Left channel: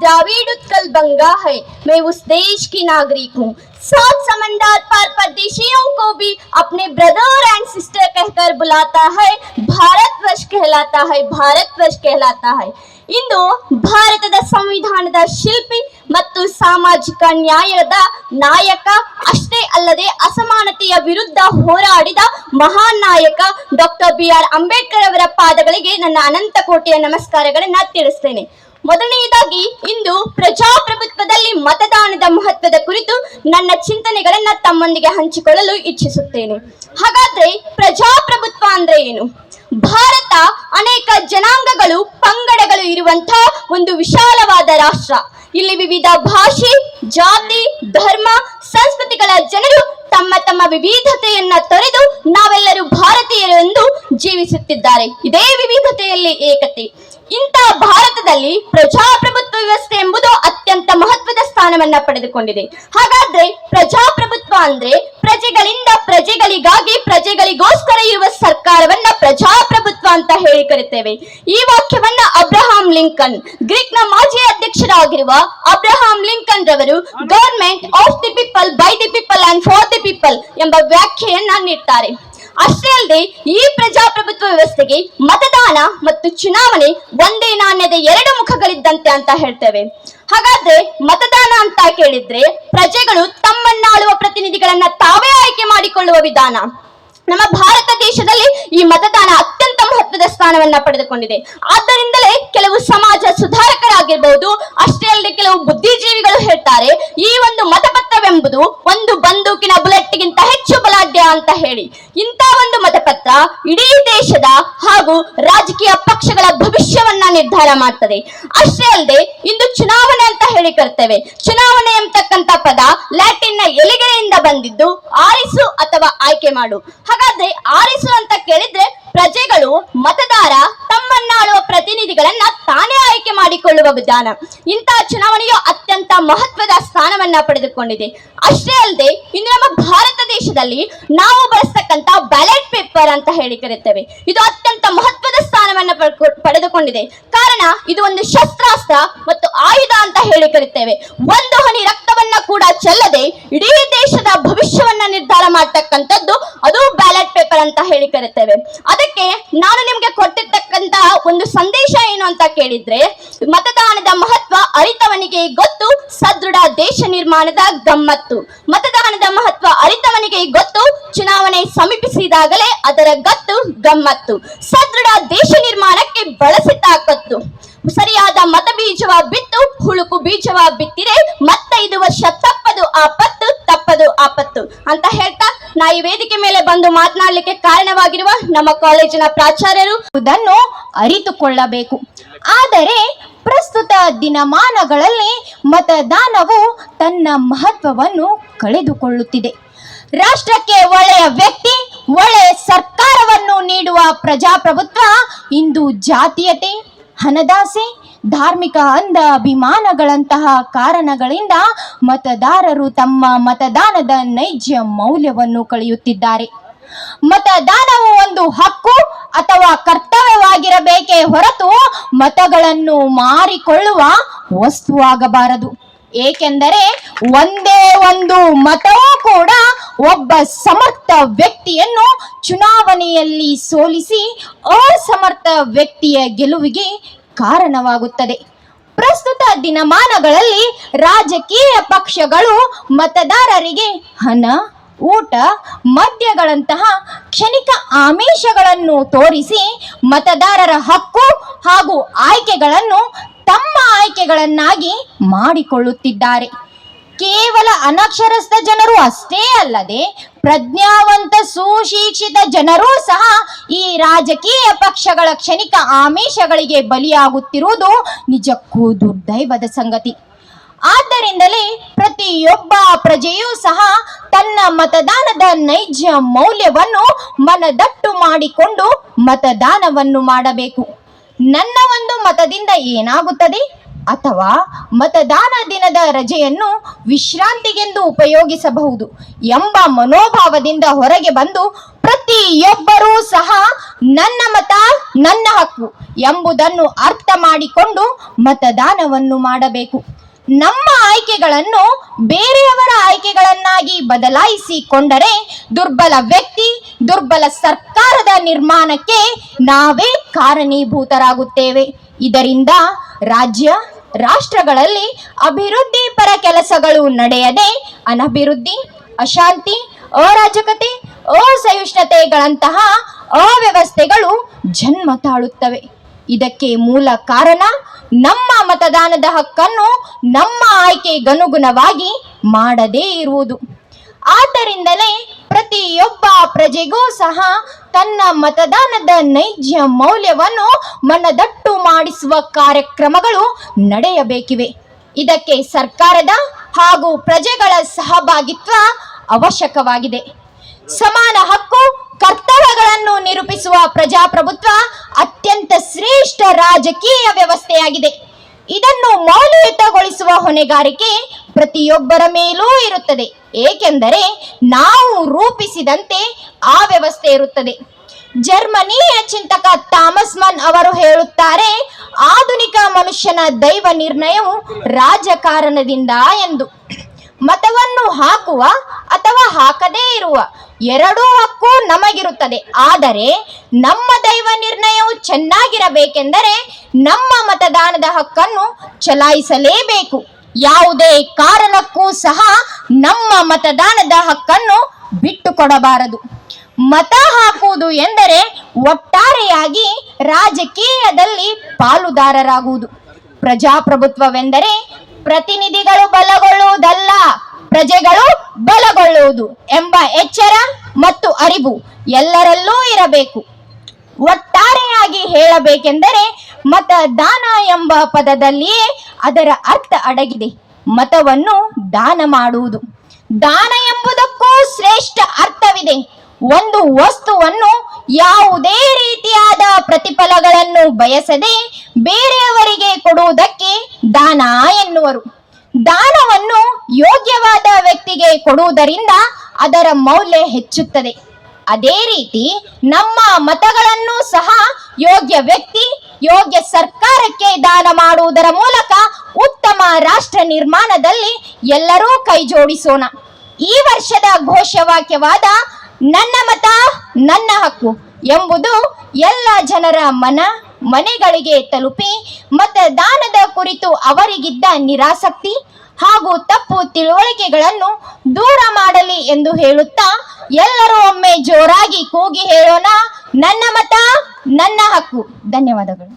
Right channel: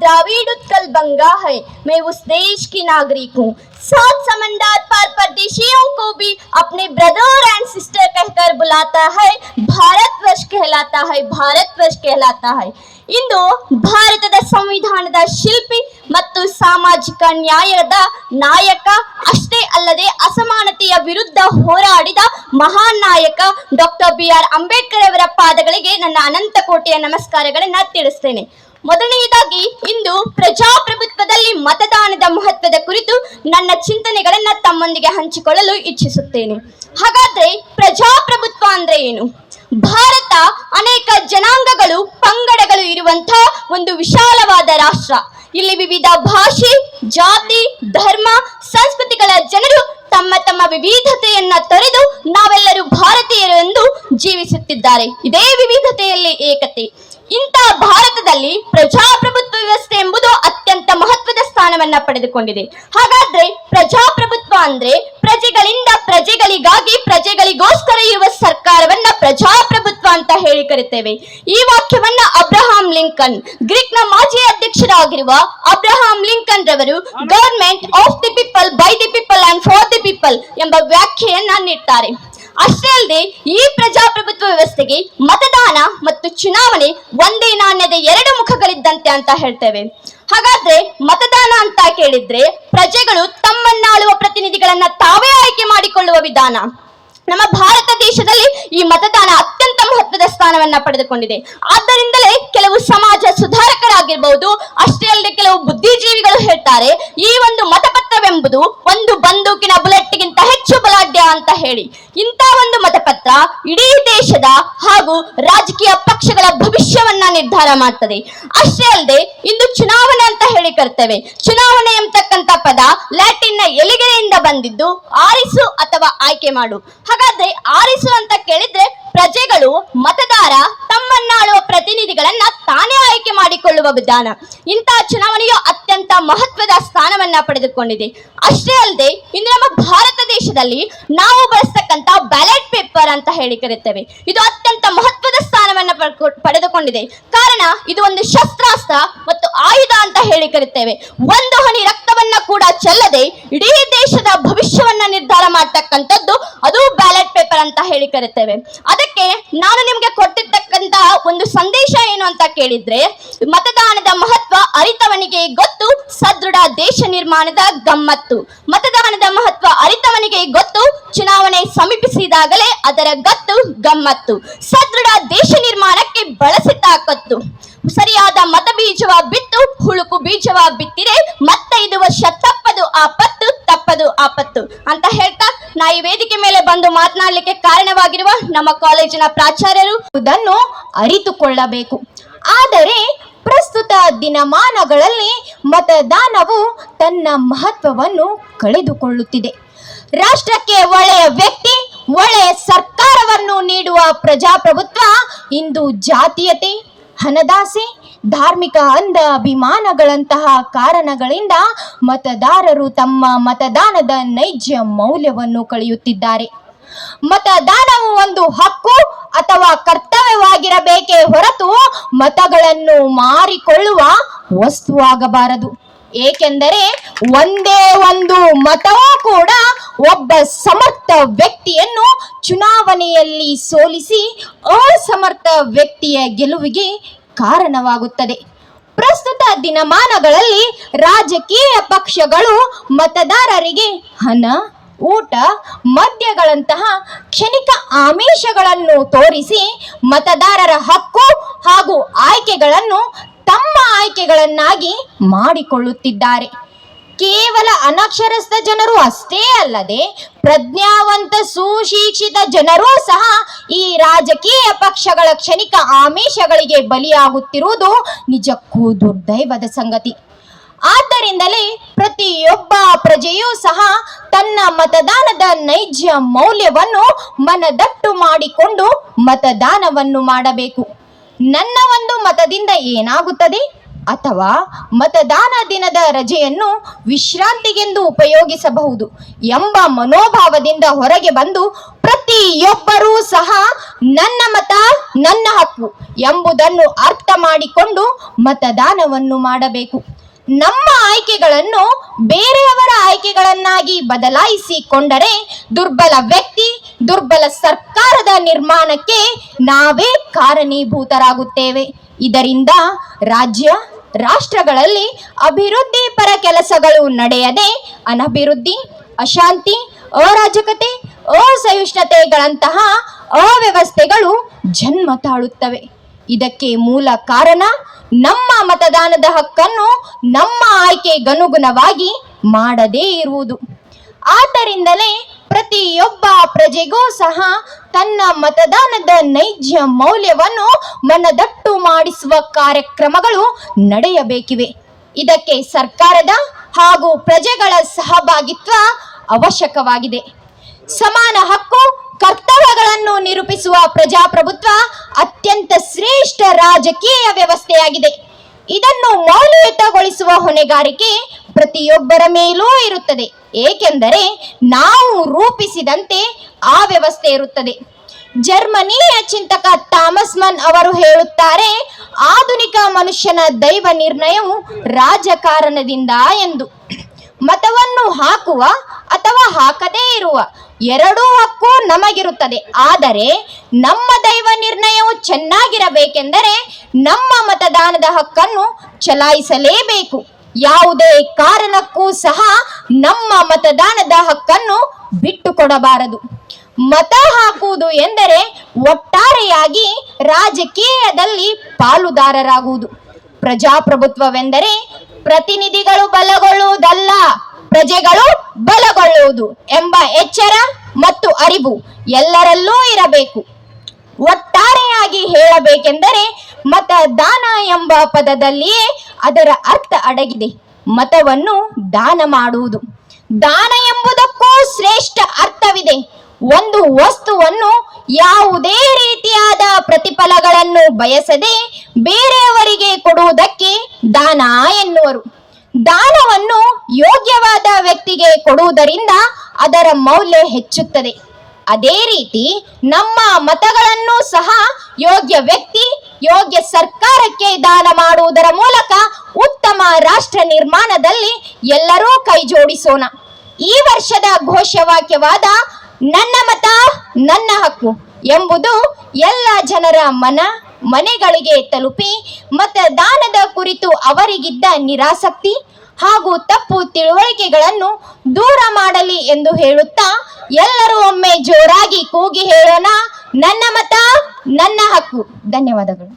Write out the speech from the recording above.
द्राविड उत्कल गंगा है, मैं उस देश की नागरिक हूँ। सात समंदर पर परदेशियों को भी अपने ब्रदर एंड सिस्टर कहकर बुलाता है। भारतवर्ष कहलाता है, भारतवर्ष कहलाता है। ಇಂದು ಭಾರತದ ಸಂವಿಧಾನದ ಶಿಲ್ಪಿ ಮತ್ತು ಸಾಮಾಜಿಕ ನ್ಯಾಯದ ನಾಯಕ ಅಷ್ಟೇ ಅಲ್ಲದೆ ಅಸಮಾನತೆಯ ವಿರುದ್ಧ ಹೋರಾಡಿದ ಮಹಾನ್ ನಾಯಕ ಡಾಕ್ಟರ್ BR ಅಂಬೇಡ್ಕರ್ ಅವರ ಪಾದಗಳಿಗೆ ನನ್ನ ಅನಂತ ಕೋಟಿಯ ನಮಸ್ಕಾರಗಳನ್ನು ತಿಳಿಸ್ತೇನೆ. ಮೊದಲನೆಯದಾಗಿ ಇಂದು ಪ್ರಜಾಪ್ರಭುತ್ವದಲ್ಲಿ ಮತದಾನದ ಮಹತ್ವದ ಕುರಿತು ನನ್ನ ಚಿಂತನೆಗಳನ್ನು ತಮ್ಮೊಂದಿಗೆ ಹಂಚಿಕೊಳ್ಳಲು ಇಚ್ಛಿಸುತ್ತೇನೆ. ಹಾಗಾದ್ರೆ ಪ್ರಜಾಪ್ರಭುತ್ವ ಅಂದ್ರೆ ಏನು? ಭಾರತ ಅನೇಕ ಜನಾಂಗಗಳು ಪಂಗಡಗಳು ಇರುವಂತಹ ಒಂದು ವಿಶಾಲವಾದ ರಾಷ್ಟ್ರ. ಇಲ್ಲಿ ವಿವಿಧ ಭಾಷೆ, ಜಾತಿ, ಧರ್ಮ, ಸಂಸ್ಕೃತಿಗಳ ಜನರು ತಮ್ಮ ತಮ್ಮ ವಿವಿಧತೆಯನ್ನ ತೊರೆದು ನಾವೆಲ್ಲರೂ ಭಾರತೀಯರು ಎಂದು ಜೀವಿಸುತ್ತಿದ್ದಾರೆ. ಇದೇ ವಿವಿಧತೆಯಲ್ಲಿ ಏಕತೆ. ಇಂಥ ಭಾರತದಲ್ಲಿ ಪ್ರಜಾಪ್ರಭುತ್ವ ವ್ಯವಸ್ಥೆ ಎಂಬುದು ಅತ್ಯಂತ ಮಹತ್ವದ ಸ್ಥಾನವನ್ನ ಪಡೆದುಕೊಂಡಿದೆ. ಹಾಗಾದ್ರೆ ಪ್ರಜಾಪ್ರಭುತ್ವ ಅಂದ್ರೆ ಪ್ರಜೆಗಳಿಂದ ಪ್ರಜೆಗಳಿಗಾಗಿ ಪ್ರಜೆಗಳಿಗೋಸ್ಕರ ಇರುವ ಸರ್ಕಾರವನ್ನ ಪ್ರಜಾಪ್ರಭುತ್ವ ಅಂತ ಹೇಳಿ ಕರೆಯುತ್ತೇವೆ. ಈ ವಾಕ್ಯವನ್ನ ಅಬ್ರಹಾಂ ಲಿಂಕನ್, ಗ್ರೀಕ್ ನ ಮಾಜಿ ಅಧ್ಯಕ್ಷರಾಗಿರುವ ಅಬ್ರಹಾಂ ಲಿಂಕನ್ ರವರು government of the people, by the people and for the people ಎಂಬ ವ್ಯಾಖ್ಯೆಯನ್ನ ನೀಡ್ತಾರೆ. ಅಷ್ಟೇ ಅಲ್ಲದೆ ಈ ಪ್ರಜಾಪ್ರಭುತ್ವ ವ್ಯವಸ್ಥೆಗೆ ಮತದಾನ ಮತ್ತು ಚುನಾವಣೆ ಒಂದೇ ನಾಣ್ಯದ ಎರಡು ಮುಖಗಳಿದ್ದಂತೆ ಅಂತ ಹೇಳ್ತೇವೆ. ಹಾಗಾದ್ರೆ ಮತದಾನ ಅಂತ ಕೇಳಿದ್ರೆ ಪ್ರಜೆಗಳು ತಮ್ಮನ್ನಾಳುವ ಪ್ರತಿನಿಧಿಗಳನ್ನ ತಾವೇ ಆಯ್ಕೆ ಮಾಡಿಕೊಳ್ಳುವ ವಿಧಾನ. ನಮ್ಮ ಭಾರತ ದೇಶದಲ್ಲಿ ಈ ಮತದಾನ ಅತ್ಯಂತ ಮಹತ್ವದ ಸ್ಥಾನವನ್ನ ಪಡೆದುಕೊಂಡಿದೆ. ಆದ್ದರಿಂದಲೇ ಕೆಲವು ಸಮಾಜ ಸುಧಾರಕರಾಗಿರಬಹುದು, ಅಷ್ಟೇ ಅಲ್ಲದೆ ಕೆಲವು ಬುದ್ಧಿಜೀವಿಗಳು ಹೇಳ್ತಾರೆ ಈ ಒಂದು ಮತಪತ್ರವೆಂಬುದು ಒಂದು ಬಂದೂಕಿನ ಬುಲೆಟ್ಗಿಂತ ಹೆಚ್ಚು ಬಲಾಢ್ಯ ಅಂತ ಹೇಳಿ. ಇಂಥ ಒಂದು ಮತಪತ್ರ ಇಡೀ ದೇಶದ ಹಾಗೂ ರಾಜಕೀಯ ಪಕ್ಷಗಳ ಭವಿಷ್ಯವನ್ನ ನಿರ್ಧಾರ ಮಾಡ್ತದೆ. ಅಷ್ಟೇ ಅಲ್ಲದೆ ಇಂದು ಚುನಾವಣೆ ಅಂತ ಹೇಳಿ ಕರ್ತೇವೆ. ಚುನಾವಣೆ ಎಂಬತಕ್ಕಂತ ಪದ ಲ್ಯಾಟಿನ್ ನ ಎಲಿಗೆಯಿಂದ ಬಂದಿದ್ದು ಆರಿಸು ಅಥವಾ ಆಯ್ಕೆ ಮಾಡು. ಹಾಗಾದ್ರೆ ಆರಿಸು ಅಂತ ಕೇಳಿದ್ರೆ ಪ್ರಜೆಗಳು, ಮತದಾರ ತಮ್ಮನ್ನಾಳುವ ಪ್ರತಿನಿಧಿಗಳನ್ನ ತಾನೇ ಆಯ್ಕೆ ಮಾಡಿಕೊಳ್ಳುವ ವಿಧಾನ. ಇಂತಹ ಚುನಾವಣೆಯು ಅತ್ಯಂತ ಮಹತ್ವದ ಸ್ಥಾನವನ್ನ ಪಡೆದುಕೊಂಡಿದೆ. ಅಷ್ಟೇ ಅಲ್ಲದೆ ಇನ್ನು ನಮ್ಮ ಭಾರತ ದೇಶದಲ್ಲಿ ನಾವು ಬಳಸ್ತಕ್ಕಂತ ಬ್ಯಾಲೆಟ್ ಪೇಪರ್ ಅಂತ ಹೇಳಿ ಕರೆಯುತ್ತೇವೆ. ಇದು ಅತ್ಯಂತ ಮಹತ್ವದ ಸ್ಥಾನವನ್ನ ಪಡೆದುಕೊಂಡಿದೆ. ಕಾರಣ ಇದು ಒಂದು ಶಸ್ತ್ರಾಸ್ತ್ರ ಮತ್ತು ಆಯುಧ ಅಂತ ಹೇಳಿ ಕರೆಯುತ್ತೇವೆ. ಒಂದು ಹನಿ ರಕ್ತವನ್ನ ಕೂಡ ಚೆಲ್ಲದೆ ಇಡೀ ದೇಶದ ಭವಿಷ್ಯವನ್ನ ನಿರ್ಧಾರ ಮಾಡತಕ್ಕಂಥದ್ದು ಅದು ಬ್ಯಾಲೆಟ್ ಪೇಪರ್ ಅಂತ ಹೇಳಿ ಕರೆಯುತ್ತೇವೆ. ಅದಕ್ಕೆ ನಾನು ನಿಮ್ಗೆ ಕೊಟ್ಟಿರ್ತಕ್ಕಂತ ಒಂದು ಸಂದೇಶ ಏನು ಅಂತ ಕೇಳಿದ್ರೆ, ಮತದಾನದ ಮಹತ್ವ ಅರಿತವನಿಗೆ ಗೊತ್ತು, ಸದೃಢ ದೇಶ ನಿರ್ಮಾಣದ ಗಮ್ಮತ್ತು. ಮತದಾನದ ಮಹತ್ವ ಅರಿತವನಿಗೆ ಗೊತ್ತು, ಚುನಾವಣೆ ಸಮೀಪಿಸಿದಾಗಲೇ ಅದರ ಗತ್ತು ಗಮ್ಮತ್ತು. ಸದೃಢ ದೇಶ ನಿರ್ಮಾಣಕ್ಕೆ ಬಳಸಿ ತಾಕತ್ತು. ಸರಿಯಾದ ಮತ ಬೀಜವ ಬಿತ್ತು, ಹುಳುಕು ಬೀಜವ ಬಿತ್ತಿರೆ ಮತ್ತೆ 5 ವರ್ಷ ತಪ್ಪದು ಆಪತ್ತು, ತಪ್ಪದು ಆಪತ್ತು ಅಂತ ಹೇಳ್ತಾ ನಾ ಈ ವೇದಿಕೆ ಮೇಲೆ ಬಂದು ಮಾತನಾಡಲಿಕ್ಕೆ ಕಾರಣವಾಗಿರುವ ನಮ್ಮ ಕಾಲೇಜಿನ ಪ್ರಾಚಾರ್ಯರು ಇದನ್ನು ಅರಿತುಕೊಳ್ಳಬೇಕು. ಆದರೆ ಪ್ರಸ್ತುತ ದಿನಮಾನಗಳಲ್ಲಿ ಮತದಾನವು ತನ್ನ ಮಹತ್ವವನ್ನು ಕಳೆದುಕೊಳ್ಳುತ್ತಿದೆ. ರಾಷ್ಟ್ರಕ್ಕೆ ಒಳ್ಳೆಯ ವ್ಯಕ್ತಿ, ಒಳ್ಳೆಯ ಸರ್ಕಾರವನ್ನು ನೀಡುವ ಪ್ರಜಾಪ್ರಭುತ್ವ ಇಂದು ಜಾತೀಯತೆ, ಹಣದಾಸೆ, ಧಾರ್ಮಿಕ ಅಂಧ ಅಭಿಮಾನಗಳಂತಹ ಕಾರಣಗಳಿಂದ ಮತದಾರರು ತಮ್ಮ ಮತದಾನದ ನೈಜ ಮೌಲ್ಯವನ್ನು ಕಳೆಯುತ್ತಿದ್ದಾರೆ. ಮತದಾನವು ಒಂದು ಹಕ್ಕು ಅಥವಾ ಕರ್ತವ್ಯವಾಗಿರಬೇಕೇ ಹೊರತು ಮತಗಳನ್ನು ಮಾರಿಕೊಳ್ಳುವ ವಸ್ತುವಾಗಬಾರದು. ಏಕೆಂದರೆ ಒಂದೇ ಒಂದು ಮತವೂ ಕೂಡ ಒಬ್ಬ ಸಮರ್ಥ ವ್ಯಕ್ತಿಯನ್ನು ಚುನಾವಣೆಯಲ್ಲಿ ಸೋಲಿಸಿ ಅಸಮರ್ಥ ವ್ಯಕ್ತಿಯ ಗೆಲುವಿಗೆ ಕಾರಣವಾಗುತ್ತದೆ. ಪ್ರಸ್ತುತ ದಿನಮಾನಗಳಲ್ಲಿ ರಾಜಕೀಯ ಪಕ್ಷಗಳು ಮತದಾರರಿಗೆ ಹಣ, ಊಟ, ಮದ್ಯಗಳಂತಹ ಕ್ಷಣಿಕ ಆಮಿಷಗಳನ್ನು ತೋರಿಸಿ ಮತದಾರರ ಹಕ್ಕು ಹಾಗೂ ಆಯ್ಕೆಗಳನ್ನು ತಮ್ಮ ಆಯ್ಕೆಗಳನ್ನಾಗಿ ಮಾಡಿಕೊಳ್ಳುತ್ತಿದ್ದಾರೆ. ಕೇವಲ ಅನಕ್ಷರಸ್ಥ ಜನರು ಅಷ್ಟೇ ಅಲ್ಲದೆ ಪ್ರಜ್ಞಾವಂತ ಸುಶಿಕ್ಷಿತ ಜನರೂ ಸಹ ಈ ರಾಜಕೀಯ ಪಕ್ಷಗಳ ಕ್ಷಣಿಕ ಆಮಿಷಗಳಿಗೆ ಬಲಿಯಾಗುತ್ತಿರುವುದು ನಿಜಕ್ಕೂ ದುರ್ದೈವದ ಸಂಗತಿ. ಆದ್ದರಿಂದಲೇ ಪ್ರತಿಯೊಬ್ಬ ಪ್ರಜೆಯೂ ಸಹ ತನ್ನ ಮತದಾನದ ನೈಜ ಮೌಲ್ಯವನ್ನು ಮನದಟ್ಟು ಮಾಡಿಕೊಂಡು ಮತದಾನವನ್ನು ಮಾಡಬೇಕು. ನನ್ನ ಒಂದು ಮತದಿಂದ ಏನಾಗುತ್ತದೆ ಅಥವಾ ಮತದಾನ ದಿನದ ರಜೆಯನ್ನು ವಿಶ್ರಾಂತಿಗೆಂದು ಉಪಯೋಗಿಸಬಹುದು ಎಂಬ ಮನೋಭಾವದಿಂದ ಹೊರಗೆ ಬಂದು ಪ್ರತಿಯೊಬ್ಬರೂ ಸಹ ನನ್ನ ಮತ ನನ್ನ ಹಕ್ಕು ಎಂಬುದನ್ನು ಅರ್ಥ ಮಾಡಿಕೊಂಡು ಮತದಾನವನ್ನು ಮಾಡಬೇಕು. ನಮ್ಮ ಆಯ್ಕೆಗಳನ್ನು ಬೇರೆಯವರ ಆಯ್ಕೆಗಳನ್ನಾಗಿ ಬದಲಾಯಿಸಿಕೊಂಡರೆ ದುರ್ಬಲ ವ್ಯಕ್ತಿ, ದುರ್ಬಲ ಸರ್ಕಾರದ ನಿರ್ಮಾಣಕ್ಕೆ ನಾವೇ ಕಾರಣೀಭೂತರಾಗುತ್ತೇವೆ. ಇದರಿಂದ ರಾಜ್ಯ ರಾಷ್ಟ್ರಗಳಲ್ಲಿ ಅಭಿವೃದ್ಧಿ ಪರ ಕೆಲಸಗಳು ನಡೆಯದೆ ಅನಭಿವೃದ್ಧಿ, ಅಶಾಂತಿ, ಅರಾಜಕತೆ, ಅಸಹಿಷ್ಣುತೆಗಳಂತಹ ಅವ್ಯವಸ್ಥೆಗಳು ಜನ್ಮ ತಾಳುತ್ತವೆ. ಇದಕ್ಕೆ ಮೂಲ ಕಾರಣ ನಮ್ಮ ಮತದಾನದ ಹಕ್ಕನ್ನು ನಮ್ಮ ಆಯ್ಕೆಗನುಗುಣವಾಗಿ ಮಾಡದೇ ಇರುವುದು. ಆದ್ದರಿಂದಲೇ ಪ್ರತಿಯೊಬ್ಬ ಪ್ರಜೆಗೂ ಸಹ ತನ್ನ ಮತದಾನದ ನೈಜ ಮೌಲ್ಯವನ್ನು ಮನದಟ್ಟು ಮಾಡಿಸುವ ಕಾರ್ಯಕ್ರಮಗಳು ನಡೆಯಬೇಕಿವೆ. ಇದಕ್ಕೆ ಸರ್ಕಾರದ ಹಾಗೂ ಪ್ರಜೆಗಳ ಸಹಭಾಗಿತ್ವ ಅವಶ್ಯಕವಾಗಿದೆ. ಸಮಾನ ಹಕ್ಕು ಕರ್ತವ್ಯಗಳನ್ನು ನಿರೂಪಿಸುವ ಪ್ರಜಾಪ್ರಭುತ್ವ ಅತ್ಯಂತ ಶ್ರೇಷ್ಠ ರಾಜಕೀಯ ವ್ಯವಸ್ಥೆಯಾಗಿದೆ. ಇದನ್ನು ಮೌಲ್ಯಯುತಗೊಳಿಸುವ ಹೊಣೆಗಾರಿಕೆ ಪ್ರತಿಯೊಬ್ಬರ ಮೇಲೂ ಇರುತ್ತದೆ. ಏಕೆಂದರೆ ನಾವು ರೂಪಿಸಿದಂತೆ ಆ ವ್ಯವಸ್ಥೆ ಇರುತ್ತದೆ. ಜರ್ಮನಿಯ ಚಿಂತಕ ಥಾಮಸ್ ಮನ್ ಅವರು ಹೇಳುತ್ತಾರೆ, ಆಧುನಿಕ ಮನುಷ್ಯನ ದೈವ ನಿರ್ಣಯವು ರಾಜಕಾರಣದಿಂದ ಎಂದು. ಮತವನ್ನು ಹಾಕುವ ಅಥವಾ ಹಾಕದೇ ಇರುವ ಎರಡೂ ಹಕ್ಕು ನಮಗಿರುತ್ತದೆ. ಆದರೆ ನಮ್ಮ ದೈವ ನಿರ್ಣಯವು ಚೆನ್ನಾಗಿರಬೇಕೆಂದರೆ ನಮ್ಮ ಮತದಾನದ ಹಕ್ಕನ್ನು ಚಲಾಯಿಸಲೇಬೇಕು. ಯಾವುದೇ ಕಾರಣಕ್ಕೂ ಸಹ ನಮ್ಮ ಮತದಾನದ ಹಕ್ಕನ್ನು ಬಿಟ್ಟುಕೊಡಬಾರದು. ಮತ ಹಾಕುವುದು ಎಂದರೆ ಒಟ್ಟಾರೆಯಾಗಿ ರಾಜಕೀಯದಲ್ಲಿ ಪಾಲುದಾರರಾಗುವುದು. ಪ್ರಜಾಪ್ರಭುತ್ವವೆಂದರೆ ಪ್ರತಿನಿಧಿಗಳು ಬಲಗೊಳ್ಳುವುದಲ್ಲ, ಪ್ರಜೆಗಳು ಬಲಗೊಳ್ಳುವುದು ಎಂಬ ಎಚ್ಚರ ಮತ್ತು ಅರಿವು ಎಲ್ಲರಲ್ಲೂ ಇರಬೇಕು. ಒಟ್ಟಾರೆಯಾಗಿ ಹೇಳಬೇಕೆಂದರೆ ಮತದಾನ ಎಂಬ ಪದದಲ್ಲಿಯೇ ಅದರ ಅರ್ಥ ಅಡಗಿದೆ. ಮತವನ್ನು ದಾನ ಮಾಡುವುದು. ದಾನ ಎಂಬುದಕ್ಕೂ ಶ್ರೇಷ್ಠ ಅರ್ಥವಿದೆ. ಒಂದು ವಸ್ತುವನ್ನು ಯಾವುದೇ ರೀತಿಯಾದ ಪ್ರತಿಫಲಗಳನ್ನು ಬಯಸದೆ ಬೇರೆಯವರಿಗೆ ಕೊಡುವುದಕ್ಕೆ ದಾನ ಎನ್ನುವರು. ದಾನವನ್ನು ಯೋಗ್ಯವಾದ ವ್ಯಕ್ತಿಗೆ ಕೊಡುವುದರಿಂದ ಅದರ ಮೌಲ್ಯ ಹೆಚ್ಚುತ್ತದೆ. ಅದೇ ರೀತಿ ನಮ್ಮ ಮತಗಳನ್ನು ಸಹ ಯೋಗ್ಯ ವ್ಯಕ್ತಿ, ಯೋಗ್ಯ ಸರ್ಕಾರಕ್ಕೆ ದಾನ ಮಾಡುವುದರ ಮೂಲಕ ಉತ್ತಮ ರಾಷ್ಟ್ರ ನಿರ್ಮಾಣದಲ್ಲಿ ಎಲ್ಲರೂ ಕೈ ಜೋಡಿಸೋಣ. ಈ ವರ್ಷದ ಘೋಷವಾಕ್ಯವಾದ ನನ್ನ ಮತ ನನ್ನ ಹಕ್ಕು ಎಂಬುದು ಎಲ್ಲ ಜನರ ಮನೆಗಳಿಗೆ ತಲುಪಿ ಮತದಾನದ ಕುರಿತು ಅವರಿಗಿದ್ದ ನಿರಾಸಕ್ತಿ ಹಾಗೂ ತಪ್ಪು ತಿಳುವಳಿಕೆಗಳನ್ನು ದೂರ ಮಾಡಲಿ ಎಂದು ಹೇಳುತ್ತಾ ಎಲ್ಲರೂ ಒಮ್ಮೆ ಜೋರಾಗಿ ಕೂಗಿ ಹೇಳೋಣ, ನನ್ನ ಮತ ನನ್ನ ಹಕ್ಕು. ಧನ್ಯವಾದಗಳು.